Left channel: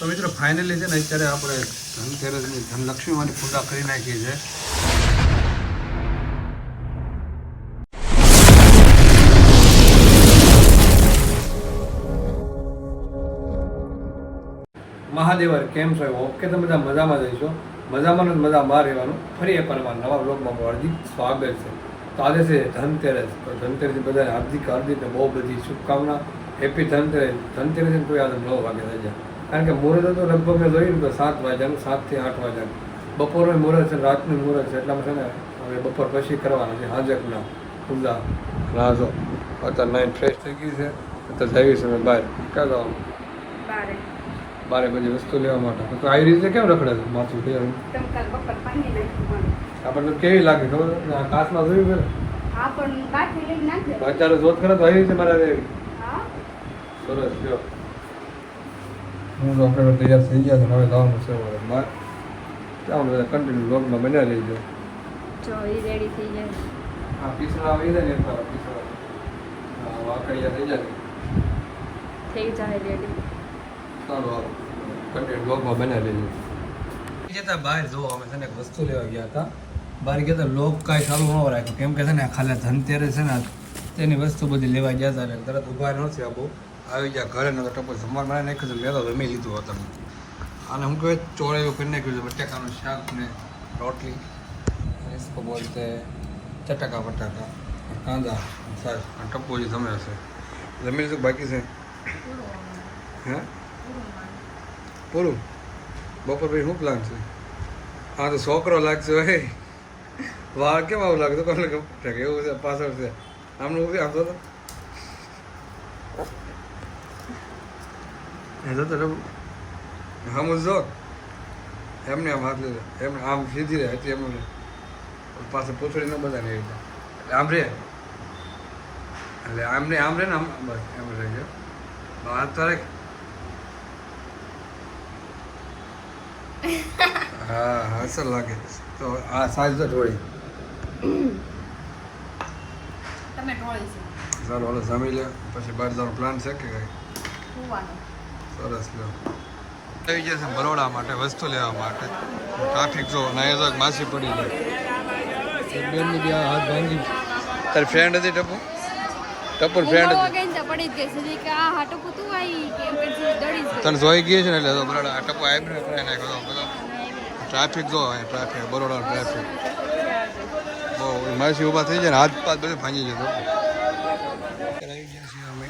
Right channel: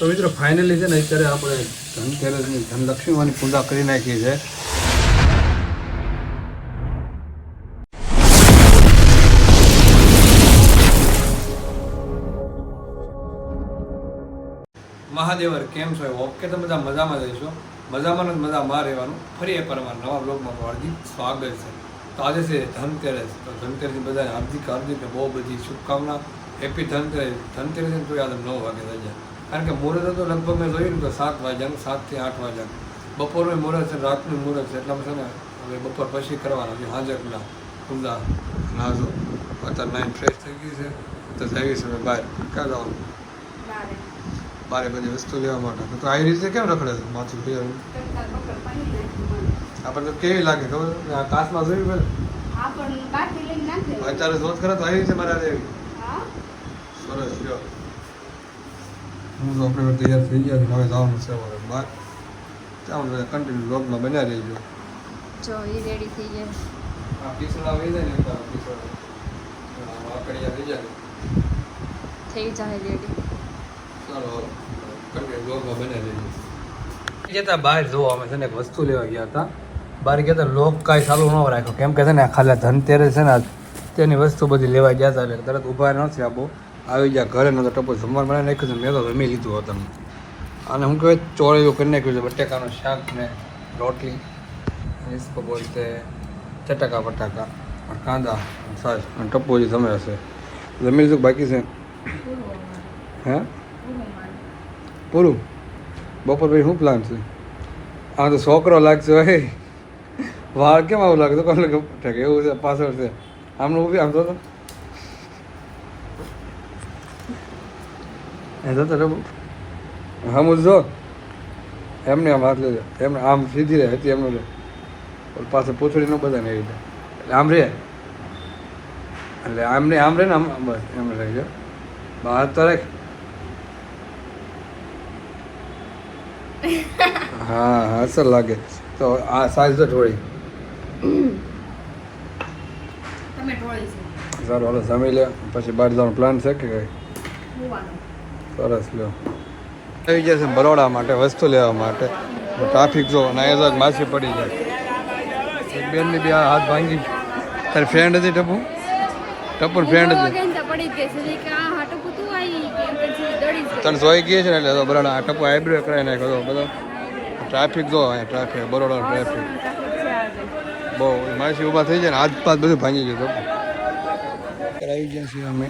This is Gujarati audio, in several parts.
તો મિત્રો ફાઇનલી છે ને, અત્યારે આપણે ધનતેરસની ધનલક્ષ્મીમાંની પૂજા કરી નાખી છે મહાદેવર, કેમ છો? ઓકે તમે બધા મજામાં જઈશો મજામાં જ મજામાં રહેવાનું. ફરી વાર અમારા નવા બ્લોગમાં હાર્દિક સ્વાગત છે. તો આજે છે ધનતેરસ. તો ધનતેરસની બધાને હાર્દિક હાર્દિક બહુ બધી શુભકામના. હેપી ધનતેરસ. ધનતેરસ કોઈ આજે નવ વાગે થઈ જાય કારણ કે મુહૂર્ત તો લગભગ મેં જોયું કે તો સાત વાગ્યાનું સાતથી આઠ વાગ્યાનું બપોરનું મુહૂર્ત છે રાતનું મુહૂર્ત છે એટલામાં છે ને હવે બપોર પછી કરવાના છે હાજરના ઉમદા રાજો. અત્યારે નાઇન ફ્રેશ થઈ ગઈ છે. અત્યારે જઈએ છે અમે બહાર. ક્યાં જવાનું? બારે. બધી વસ્તુ લેવા માટે. તો આવી રીતે કેમ રખડે છે માથું તૈયાર ટમકા બપોર પાણી નાખ્યું મને. આપણને તો કેવી લાગે ખબર છે? આ કાચમાં જોયું પેલા? હા પણ બાકી લઈને નાખે અત્યારે જોત ખરા તો આવી રીતે મારા સરસ લ્યો હું ડૉક્ટર તૈયાર થઈ ગયા છે હવે જવાનું છે બહાર ત્યાં બધા કન્ટિન્યુ બ્લોગમાં બન્યા રહીજો. જો એ રેડી થઈ ગયા. આ પીસણા આવી જાય ને પીસણા હા, વાકડિયા થઈ જાય. થઈ જાય રેડી ચાલો કન્ટિન્યુ બ્લોગમાં બન્યા રહીજો. જતા બહાર જોવા અમે તને એક વસ્તુ લેવા ગયા હતા. બહાર ગયા હતા લોક કાંઈ ચાલુ ન રાખ્યો કેમ કે છે ને ખાલી ધનતેરસ છે ને તેની વસ્તુ બધી લેવા ગયા હતા એટલે તરત ઊભા નથી આપો આવી ગયા ઘરે નતો ટપો જમવા મને નાખ્યું છે મેં તો રમી લીધું હતું અને હું કહેવાય ચોળીઓ કરી નાખ્યું છે, બટેકાનું શાક ને રોટલી ઇસકો બોલતે ચટાકા બટાકા કાંદા સાસ અને ટપો જે તમે હશે જમી લીધું બાકી છે? હે? પૂરું? બપોર ભાઈ શું પ્લાન છે? આ તો છોકરો લાગશે હે વાળ કેમ આવું લાગતું કોણ લાગે? એવું છે, પાછળ છે. આમનું ઊભી આમ તો એ જોતો રબુ હમ જો. એમને આમ હાથ લેજો એમને આમ સીધી રહે હતી એમનું પાસે પૂંછડી ન બધા ને એટલે આમ રે એટલે આમ ને આમ રે ને આમ એમને એમ રાખજો બહાર તો રાખ. હા અસર લાગે. તો આ સાઈઝ તો તમે ઢોળી છે. સારું હાલો જમી લે. પછી બહાર જવાનો પ્લાન છે કે કઈ? સરસ લો આવી ગયા છે બરોડા માટે વસ્તુ લેવા માટે. ટ્રાફિક જો અહીંયા માસી પડી જાય બેનની બી હાથ ભાંગી. તારી ફ્રેન્ડ હતી ટપુ? ટપુ ફ્રેન્ડ હતી તને જોઈ ગઈ છે ને એટલે બરાડા આ ટપુ આઈબ્રો કરાવી નાખ્યો તો બધો. ટ્રાફિક જો અહીંયા ટ્રાફિક બરોડા ટ્રાફિક બહુ માસી ઊભા થઈ જાય ને હાથ પાથ બધું ભાંગી ગયું ટપુ. આવી ગયા છીએ અમે.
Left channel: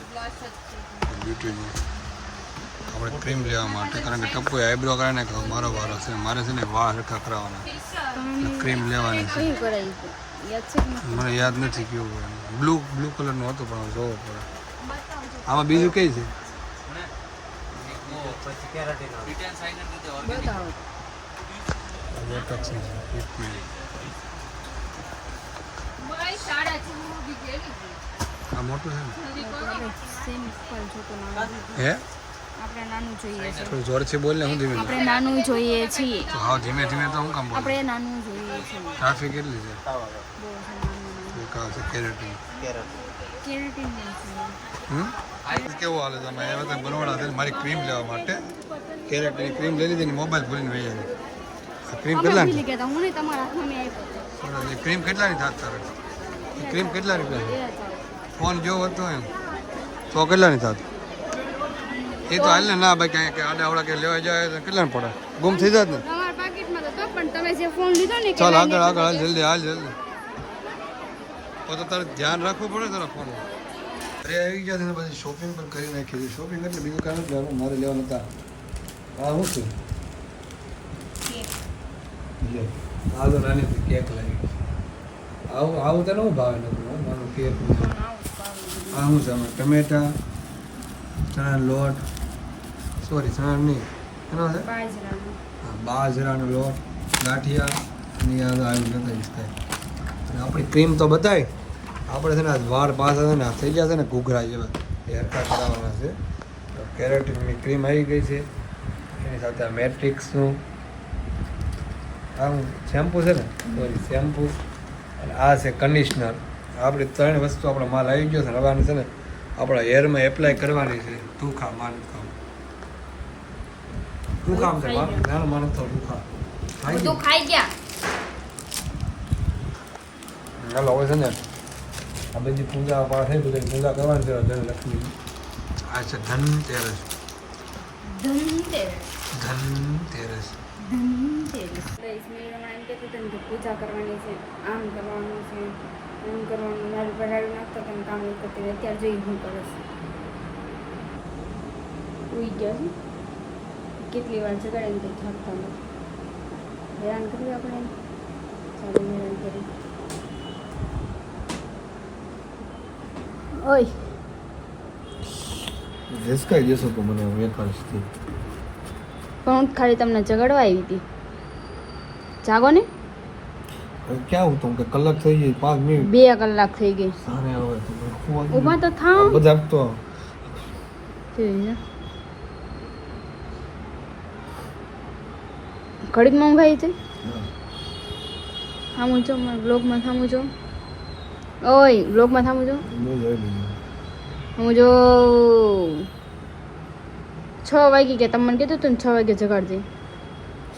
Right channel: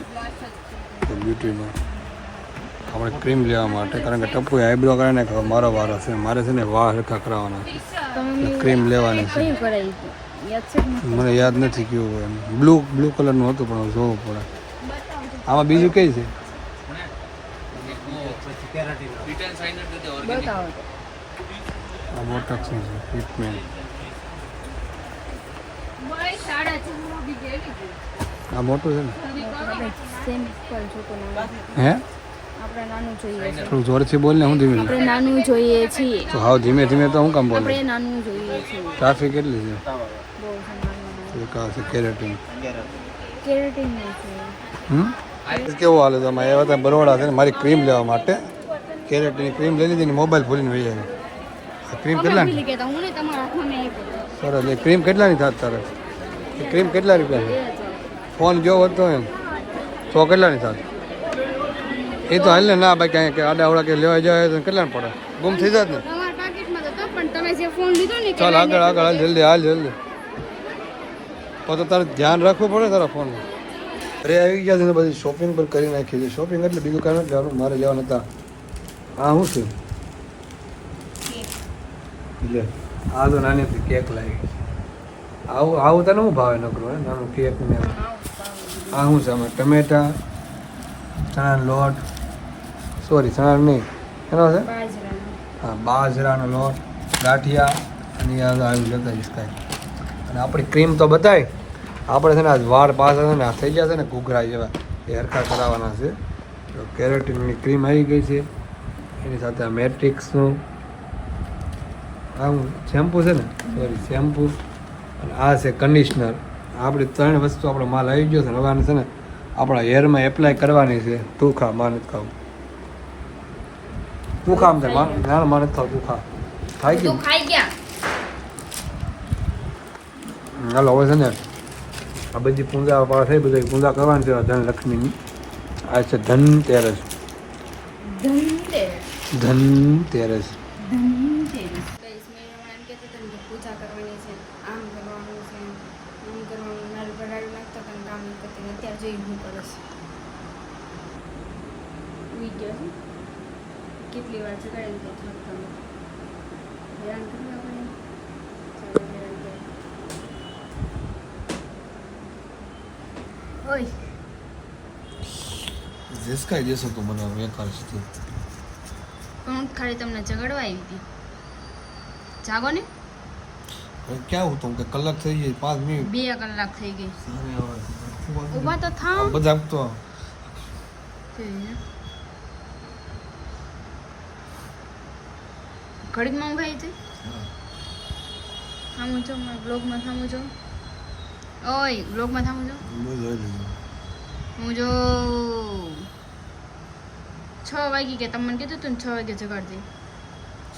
બ્યુટીમાં આપણે ક્રીમ લેવા માટે કારણ કે ટપ્પુ આઈબ્રો કરે ને મારો વારો છે. મારે છે ને વાળ સરખા કરાવવાના ક્રીમ લેવાની છે? મને યાદ નથી કેવું એમ. બ્લુ બ્લુ કલરનું હતું પણ જોવું પડે. આમાં બીજું કઈ છે? મોટા છે ટ્રીટમેન્ટ આ મોટું છે ને? હે? આપણે નાનું જોઈએ છે. થોડું જોરથી બોલ ને હું ધીમે આપણે નાનું જોઈએ છીએ. તો હાવ ધીમે ધીમે તો હું કામ બોલે? આપણે નાનું જોઈએ છીએ. ટ્રાફિક કેટલી છે? બહુ છે કેરેટિન કેરેટીન છે. હમ? કેવો હાલે તમે આવ્યા હતા બરોડા છે ને મારી ક્રીમ લેવા માટે. કેરેટિન ક્રીમ લઈ લીધી ને મોબાઈલ ભૂલીને વહી આવી ક્રીમ કેટલાની હું નહીં તમારા હાથમાં મેં એ ક્રીમ કેટલાની થાત તારે એ ક્રીમ કેટલા રૂપિયા છે? ફોન જેવો હતો એમ. તો કેટલાની થાત એ તો હાલ ને ના ભાઈ કાંઈ કે આડા અવડા કે લેવા જાય તો કેટલા પડે? ગુમ થઈ જાત ને? ચાલ આગળ આગળ હાલ જલ્દી હાલ જલ્દી. તો તારે ધ્યાન રાખવું પડે તારા ફોનમાં અરે આવી ગયા છે બધી શોપિંગ પર કરી નાખી છે. શોપિંગ એટલે બીજું નથી જવાનું મારે જવાનું હતા. હા શું છે? લે આ તો નાની હતી કેક લાવી આવું આવું તને શું ભાવે નકરો હે? નાનું કેક ને આ છે. આમાં ટમેટા ચણા લોટ સોરી ચણા નહીં. એનો છે? હા બાજરાનો લોટ ગાંઠિયા અને આવ્યું જતા જઈશ અને આપણી ક્રીમ તો બતાવી આપણે છે ને આજ વાળ પાછા છે ને આ થઈ ગયા છે ને ઘૂઘરા જેવા. એ હરખા કરાવવાના છે. તો કેરેટીનની ક્રીમ આવી ગઈ છે. એની સાથે આ મેટ્રિક્સનું આવું શેમ્પૂ છે ને? સોરી શેમ્પૂ અને આ છે કન્ડિશનર આપણે ત્રણ વસ્તુ આપણો માલ આવી ગયો છે ને હવે છે ને આપણા હેરમાં એપ્લાય કરવાની છે. તું ખા માન ખાવ તું કામ છે ના મને તો ખા ખાઈ ગયું? ખાઈ ગયા. હાલો હવે છે ને આ બધી પૂજા પાઠ થઈ બધી પૂજા કરવાની છે ધન લક્ષ્મીની. આ છે ધન તેરસ. ધનતેરસ ધનતેરસ ગઈસ એમ કહેતા હતા ને કે પૂજા કરવાની છે આમ કરવાનું છે આમ કરવાનું. મારું પડાડું નાખતો પણ કામ કરતી અત્યારે જોઈ હું કરશ ઉઈ ગયા છે? કેટલી વાર જગાડે ને કંઈ થકતા નથી હેરાન કર્યું આપણે? હેરાન ઓય. રિસ્કાઈ જશો તો મને હું એકાદશથી પણ હું ખાલી તમને જગાડવા આવી હતી. જાગો ને. ક્યાં હું તો કે કલાક થઈ ગઈ પાંચ મિનિટ. બે કલાક થઈ ગઈ. ઊભા તો થા બધા તો ઘડીકમાં મોંઘાઈ હતી. થામું છો બ્લોગમાં થામું છો ઓય બ્લોગમાં થામું છો હું જો છ વાગે કે તમને કીધું હતું ને છ વાગે જગાડજે.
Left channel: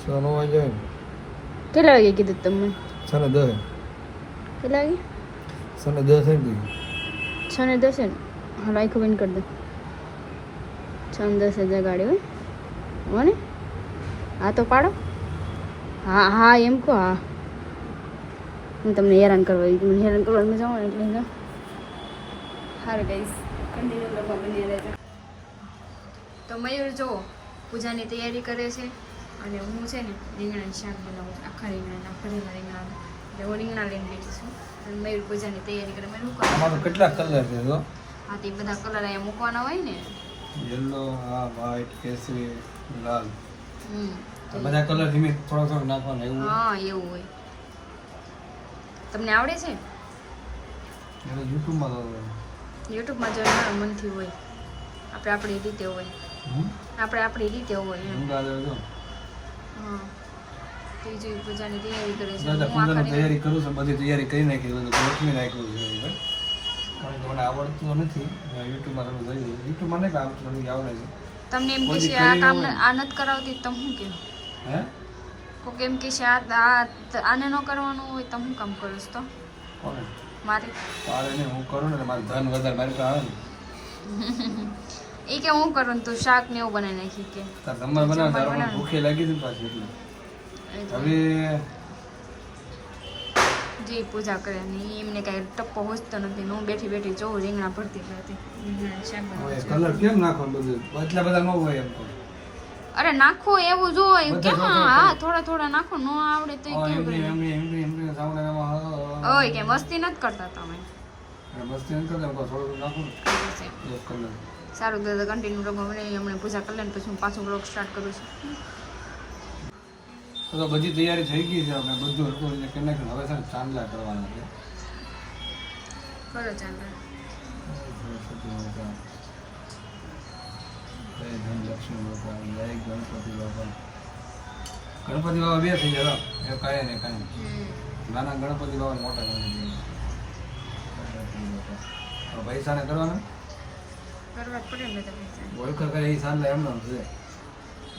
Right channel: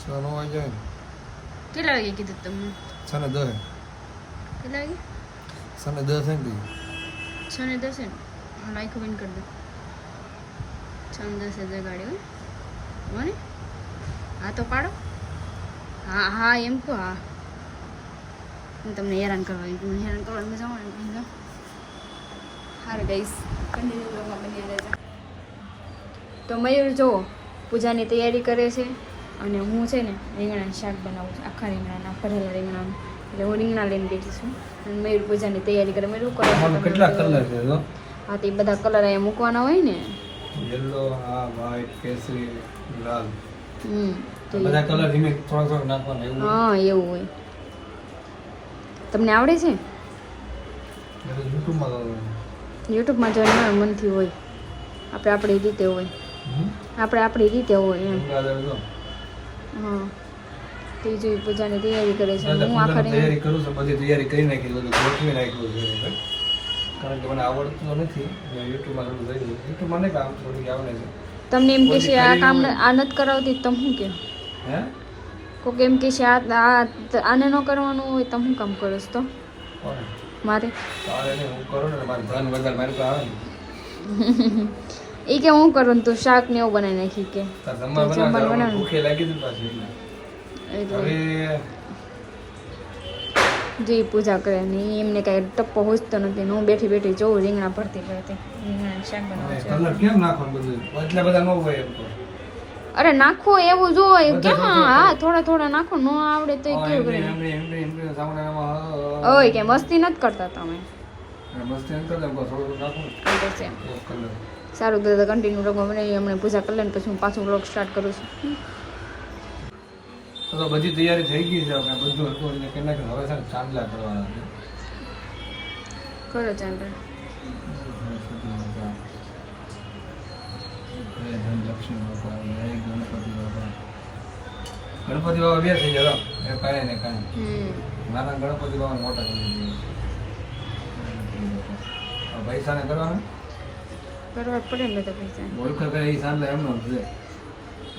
સનો વાગે કેટલા વાગે કીધું તમને? તમને ને દસ. કેટલા વાગે ને દસ એમ કીધું. છ ને દસે એમ? હા લાઈક બંધ કરી દે. છ ને દસે જગાડી હોય ને? હા તો પાડો. હા હા એમ કહો હા. હું તમને હેરાન કરવા મને હેરાન કરવા મજા આવે ને એટલે સારું ગઈશ કન્ટિન્યુ લોકો બની રહેજો. તો મયુર જો પૂજાની તૈયારી કરે છે અને હું છે ને રીંગણાનું શાક બનાવું છું આખા રીંગણાના ભરેલા રીંગણાનું. એટલે હું રીંગણા લઈને બેઠી છું અને મયુર પૂજાની તૈયારી કરે. મયુર કેટલા કલર છે હા તે બધા કલર અહીંયા મૂકવાના હોય ને. યલો હા વ્હાઈટ કેસરી લાલ. હમ. બધા કલર ધીમે થોડા થોડા નાખવાના એવું હા એવું હોય. તમને આવડે છે? યુટ્યુબમાં જોઈને ના મનથી હોય. આપણે આપણી રીતે હોય. આપણે આપણી રીતે હોય એમ. હા. તો એ જોઈ પૂજાની તૈયારી કરે છે. હું આખા તૈયારી કરું છું બધી તૈયારી કરી નાખી બધું ગોઠવી નાખ્યું છે કારણ કે મને આવડતું નથી. યુટ્યુબમાં થોડું જાય. યુટ્યુબમાં નહીં આવડતું થોડું આવડે છે. તમને એમ કે છે આ કામ આ નથી કરાવતી તમે શું કે હે? કોક એમ કે છે આ આને ન કરવાનું હોય તો હું કામ કરો તો? મારે. તારે હું કરું ને મારું ધન વધારે મારી પાસે આવે ને. એ કે હું કરું ને તું શાક ને એવું બનાવી નાખી કે. જમવા બનાવે જમવાનું તારે બનાવે. ભૂખે લાગી હતી પાછી હવે જે પૂજા કરે ને એમને કાંઈ ટપ્પો હોજતો નથી હું બેઠી બેઠી જોઉં રીંગણા ભરતી ભરતી. રીંગણા શાક બનાવું કેમ નાખવાનું બધું? એટલા બધા ન હોય એમ તો. અરે નાખો એવું જો ક્યાં હા થોડા થોડા નાખો ન આવડે તો ઓય કે મસ્તી નથી કરતા તમે. સારું દાદા કન્ટિન્યુ રમવા મને હમણાં પૂજા કરી લે પછી હું પાછું બ્લોગ સ્ટાર્ટ કરું છું. તો બધી તૈયારી થઈ ગઈ છે આપણે બધું હતું એટલે કે હવે છે ચાંદલા કરવાના છે. કરો ચાલ જય ધનલક્ષ્મી બાપા, જય ગણપતિ બાપા. ગણપતિ બાબા બે થઈ ગયા એ કાંઈ ને કાંઈ. નાના ગણપતિ બાબા મોટા કરી દઈએ પૈસા ને કરવાના? કરવા પડે ને બધા પૈસા. ઓળખર કરે એ ચાંદલા એમનો જ છે.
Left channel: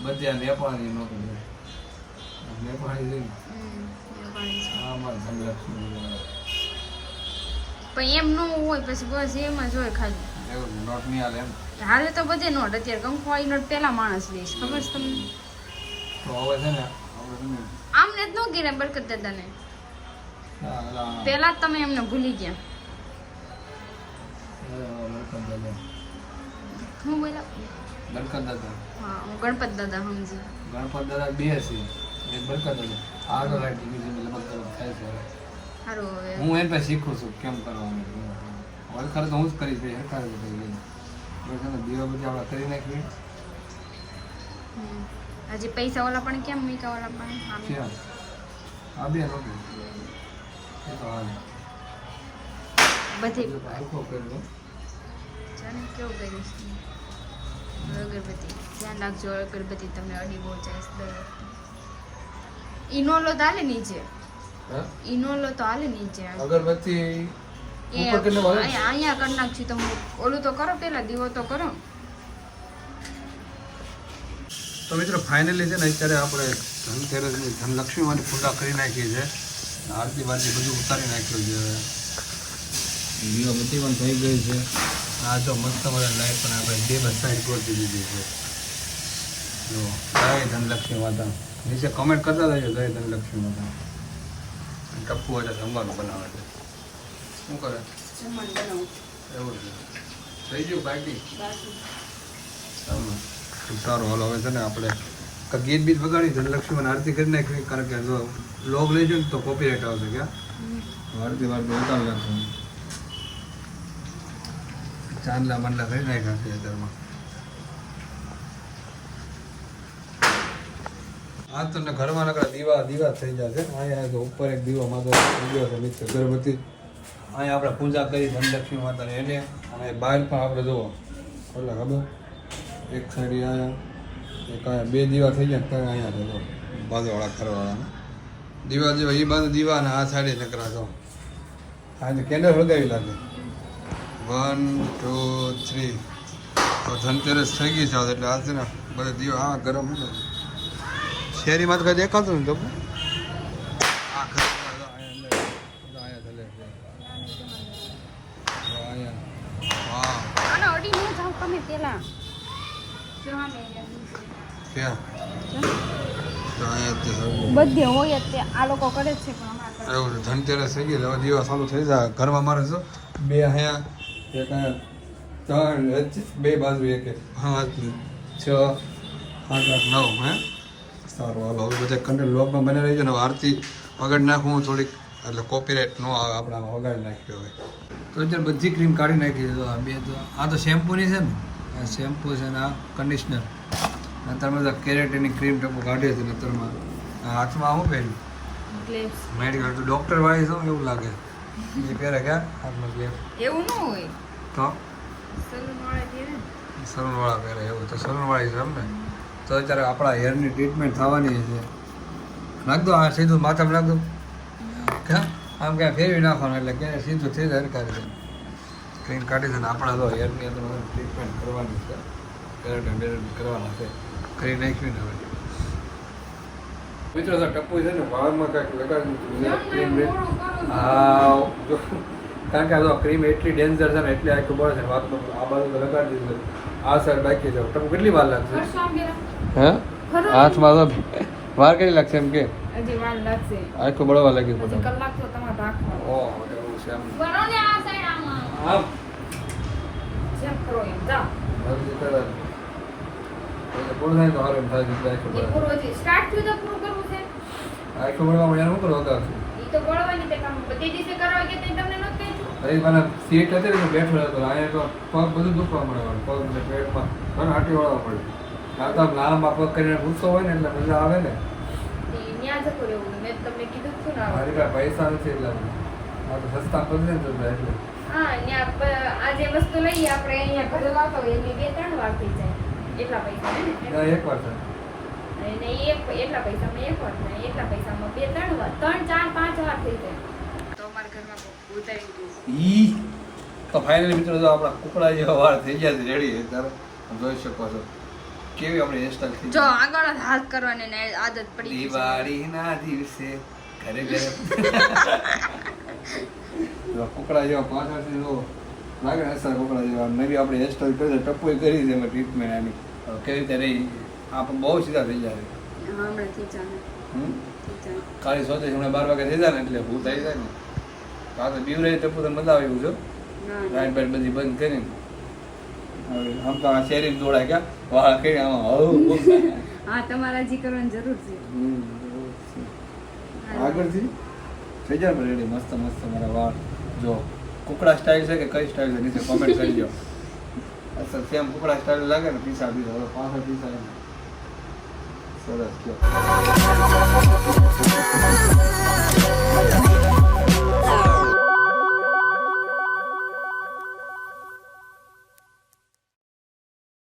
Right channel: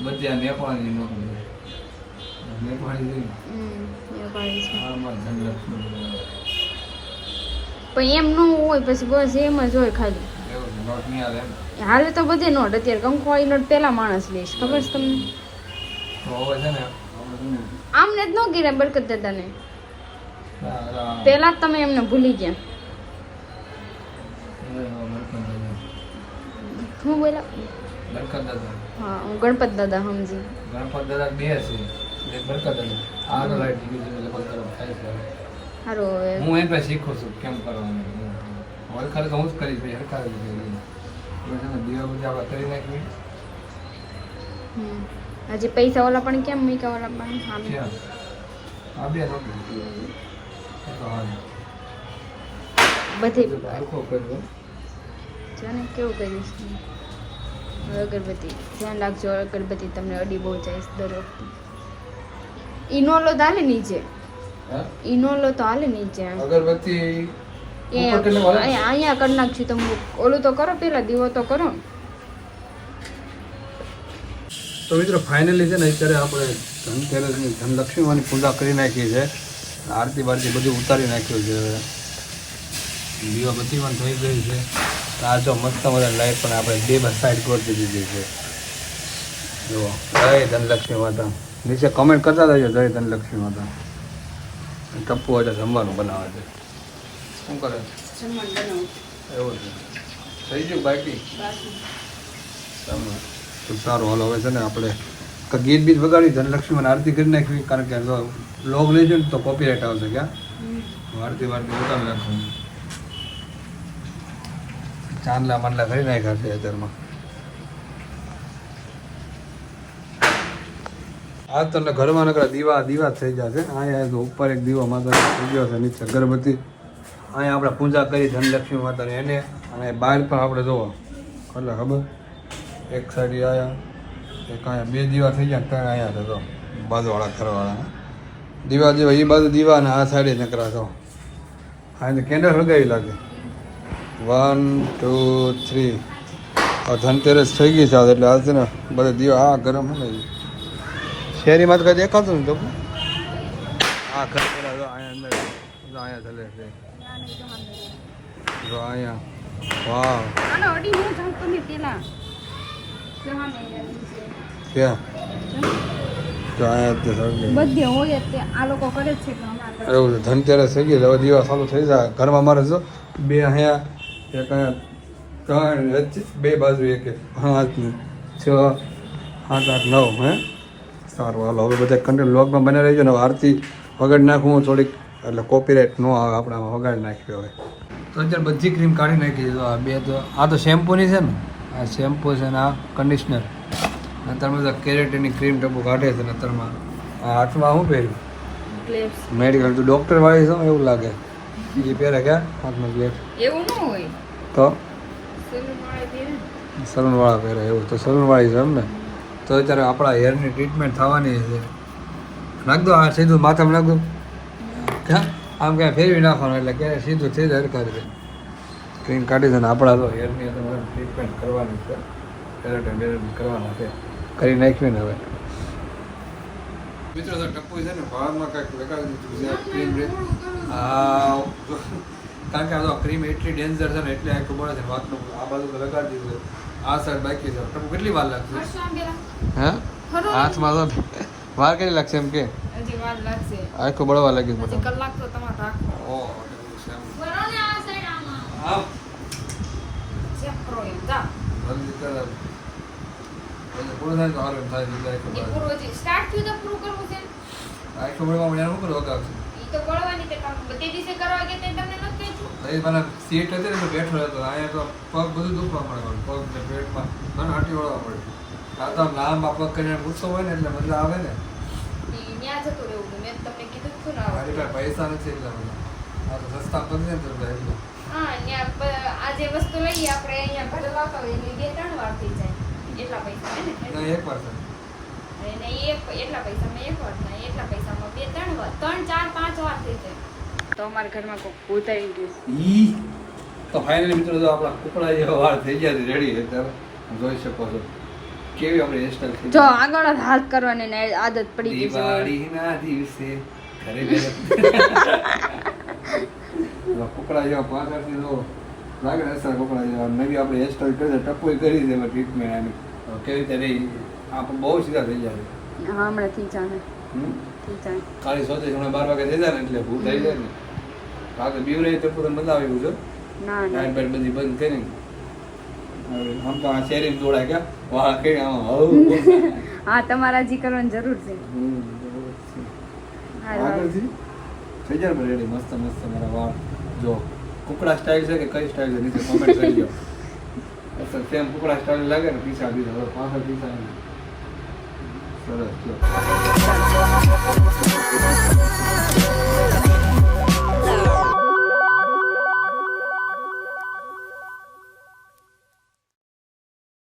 બધી નેપાળી પણ એમ ન હોય પછી બસ એમ જ હોય ખાલી. નોટ નહીં આવે એમ. હાલે તો બધે નોટ અત્યારે કંકવાળી નોટ પેલા માણસ લે ખબર છે તમને? આમ ને જ ન ગીરે બરકત દાદાને. પેલા તમે એમને ભૂલી ગયા. હું બોલા બરકત દાદા હા, હું ગણપત દાદા સમજી. ગણપત દાદા બે છે એક બરકત દાદા આ તો લાઈટ બીજું તરફ થાય સારું હવે. હું એની પાસે શીખું છું, કેમ કરવાનું. વળખારે તો હું જ કરી છે હરકાર જ હજી પૈસા ઓલા પણ કેમ મીકા ઓલા પણ સામે. બધી. જાણે કેવું કરીશ અગરબત્તી. ધ્યાન રાખજો અગરબત્તી તમને અડી બહુ જાય દર વખતે. ઇનોલો તો હાલે નીચે. ઇનોલો તો હાલે નીચે. અગરબત્તી અહીંયા કરી નાખશું તમે. ઓલું તો કરો પેલા દીવો તો કરો. તો મિત્રો ફાઇનલી છે ને અત્યારે આપણે ધનતેરસની ધનલક્ષ્મીમાંની પૂજા કરી નાખી છે. આરતી બારતી બધું ઉતારી નાખ્યું છે દીવો બધી પણ થઈ ગઈ છે. આ જો મસ્ત મજા લાઈટ પણ આપણે બે માં સાઈડ પર દીધી છે. જુઓ જય ધનલક્ષ્મી માતા. નીચે કમેન્ટ કરતા રહેજો જય ધનલક્ષ્મી માતા. ટપ્પુ આજે જમવાનું બનાવે છે. શું કરે એવું છે. થઈ ગયું બાકી સારું. સારું હાલો હવે છે ને આપણે ગીત બીત વગાડી ધનલક્ષ્મીમાં આરતી કરી નાખવી કારણ કે જો લોગ લઈ જાય ને તો કોપીરાઇટ આવશે ક્યાં? આરતી વારતી ચાંદલા માંડલા કરી નાખ્યા છે અત્યારમાં. આ તમને ઘરમાં નકરા દીવા દીવા થઈ જશે આ તો ઉપર એક દીવો માતા ગયો છે નીચે અગરબત્તી અહીંયા આપણે પૂજા કરી, ધનલક્ષ્મી માતાને. એને અને બહાર પણ આપણે જોવો. એટલે ખબર? એક સાઈડ આવ્યા એક અહીંયા બે દીવા થઈ ગયા ત્યાં આવ્યા તો બાજુવાળા ઘરવાળા દીવા જેવા એ બાજુ દીવા અને આ સાઈડે નકરા છો હા એટલે કેન્ડલ લગાવી લાગે. વન ટુ થ્રી ધનતેરસ થઈ ગઈ છે, એટલે આ છે ને બધા દીવા આ ગરમ શેરીમાં તો કઈ દેખાતું ને તમને આ ઘર પેલા જો અહીંયા અંદર જો અહીંયા ચલે છે જો અહીંયા વાવ. આનો અડી ન જાવ તમે પેલા. ક્યાં? ક્યાં તો અહીંયા જ બધે હોય આ લોકો કરે છે એવું છે. ધનતેરસ થઈ ગઈ હવે દીવા ચાલુ થઈ જાય. ઘરમાં મારે જો બે અહીંયા એક ત્રણ બે બાજુ એક પાંચ છ સાત આઠ નવ હે? સારું હાલો. હવે બધા કંટ્રોલ લોકમાં બને રહી છે ને આરતી વગાડી નાખું થોડીક. એટલે કોપીરાઇટ ન આવે આપણે વગાડી નાખ્યો હવે અત્યારે બધી ક્રીમ કાઢી નાખી. તો આ બે તો આ તો શેમ્પૂની છે ને? આ શેમ્પૂ છે ને આ કન્ડિશનર અત્યારમાં બધા કેરેટીની ક્રીમ ટપુ કાઢે છે ને અત્યારમાં. આ હાથમાં શું પહેર્યું? મેડિકલ તો ડોક્ટર વાળી છો એવું લાગે. એ પહેરે ક્યાં હાથમાં ગ્લેવ એવું ન હોય. તો? સેલુન પહેરે સલૂન વાળા પહેરે એવું તો સલૂન વાળી છે એમ ને? તો અત્યારે આપણા હેરની ટ્રીટમેન્ટ થવાની છે. નાખ દો આ સીધું માથામાં નાખ દો. આમ ક્યાં ફેરવી નાખવાનું એટલે ક્યાં સીધું થઈ જાય હરખા રીતે. ક્રીમ કાઢી દે ને આપણા તો હેરની ટ્રીટમેન્ટ કરવાની છે. કરવાના છે. કરી નાખ્યું ને હવે. મિત્રો તો ટપ્પુ છે ને ભાવમાં કાંઈક લગાડી છે. ક્રીમ જો, કારણ કે આ તો ક્રીમ એટલી ડેન્જર છે ને એટલે આખું બળે છે વાતનું આ બાજુ તો લગાડી દીધું આ સાઈડ બાકી છે. ટપ્પુ કેટલી વાર લાગશે? હે? હાથમાં તો વાર કેટલી લાગશે એમ કે? હજી વાર લાગશે. આખું બળવા લાગ્યું હજી કલાક તો તમારે રાખવાનો ઓ એવું છે એમ. બનો ને આ સાઈડ આમાં. આમ. ચેક કરો એમ. જા જલ્દી કરે એટલે પૂરું થાય તો હારું થાય બીજું આખું એ બળે પૂરો છે સ્ટાર્ટ થયું તો પૂરું કરવું છે. આખું બળવા મને શું કરો વગાડશું એ તો બોલવાની કે તમે બધી દિવસે કરવા ગયા તે તમને નથી કહ્યું અરે મને સીટ હતી ને બેઠો હતો અહીંયા તો પગ બધું દુખવા મળે પગ ને પેટમાં ઘણ હાટી વાળવા પડે. આ તો લાંબા પગ કરીને ગુસ્સો હોય ને એટલે મજા આવે ને. ન્યા જતો રહેવું મેં તમને કીધું ને મારી પાસે પૈસા નથી એટલે આ તો સસ્તા પગ ને એટલે. હા અહીંયા આ જે વસ્તુ લઈએ આપણે અહીંયા ઘરે લાવતા હોય એટલે બે ત્રણ વાર થઈ જાય. એટલા પૈસા ને? એક વાર થાય. એક એટલા પૈસામાં એક વાર થાય એટલા પૈસામાં બે ત્રણ વાર ત્રણ ચાર પાંચ વાર થઈ જાય. તો અમારા ઘરમાં કોઈ ઉતારી ગયું. ઈ તો ફાઇનલી મિત્રો જો આપણા કુકડા જેવા વાર થઈ ગયા છે રેડી છે તમે જોઈ શકો છો. કેવી આપણી હેરસ્ટાઈલ થઈ જો આગળ જ હાથ કરવાની ને આદત પડી ગઈ દિવાળીના દિવસે ઘરે ઘરે કુકડા જેવા પાછળથી જો લાગે સર કુકડા જેવા. નવી આપણે હેરસ્ટાઈલ કરી ટપોઈ કરી છે ટ્રીટમેન્ટ આની. કેવી રીતે રહી? આ પણ બહુ સીધા થઈ જાય. હા હમણાંથી જાણે. હમ? થી સોચે છે હમણાં બાર વાગે થઈ જાય ને એટલે ભૂલ થઈ જાય ને. બાકી બીવ રહી ટપ્પુ તો મજા આવી ગયું છો લાઈટ બાઈટ બધી બંધ કરીને. આમ તો આ શેરી દોડા કે વાહ કે હા તમારા જી કરવાની જરૂર છે. આગળથી? થઈ જાય રેડી મસ્ત મસ્ત મારા વાળ. જો કુકડા સ્ટાઇલ છે કે કઈ સ્ટાઇલ છે નીચે કોમેન્ટ કરી દો. અચ્છા સેમ કુકડા સ્ટાઇલ લાગે ને પીસા પીસા હવે પાંચ પીસા. સરસ જો.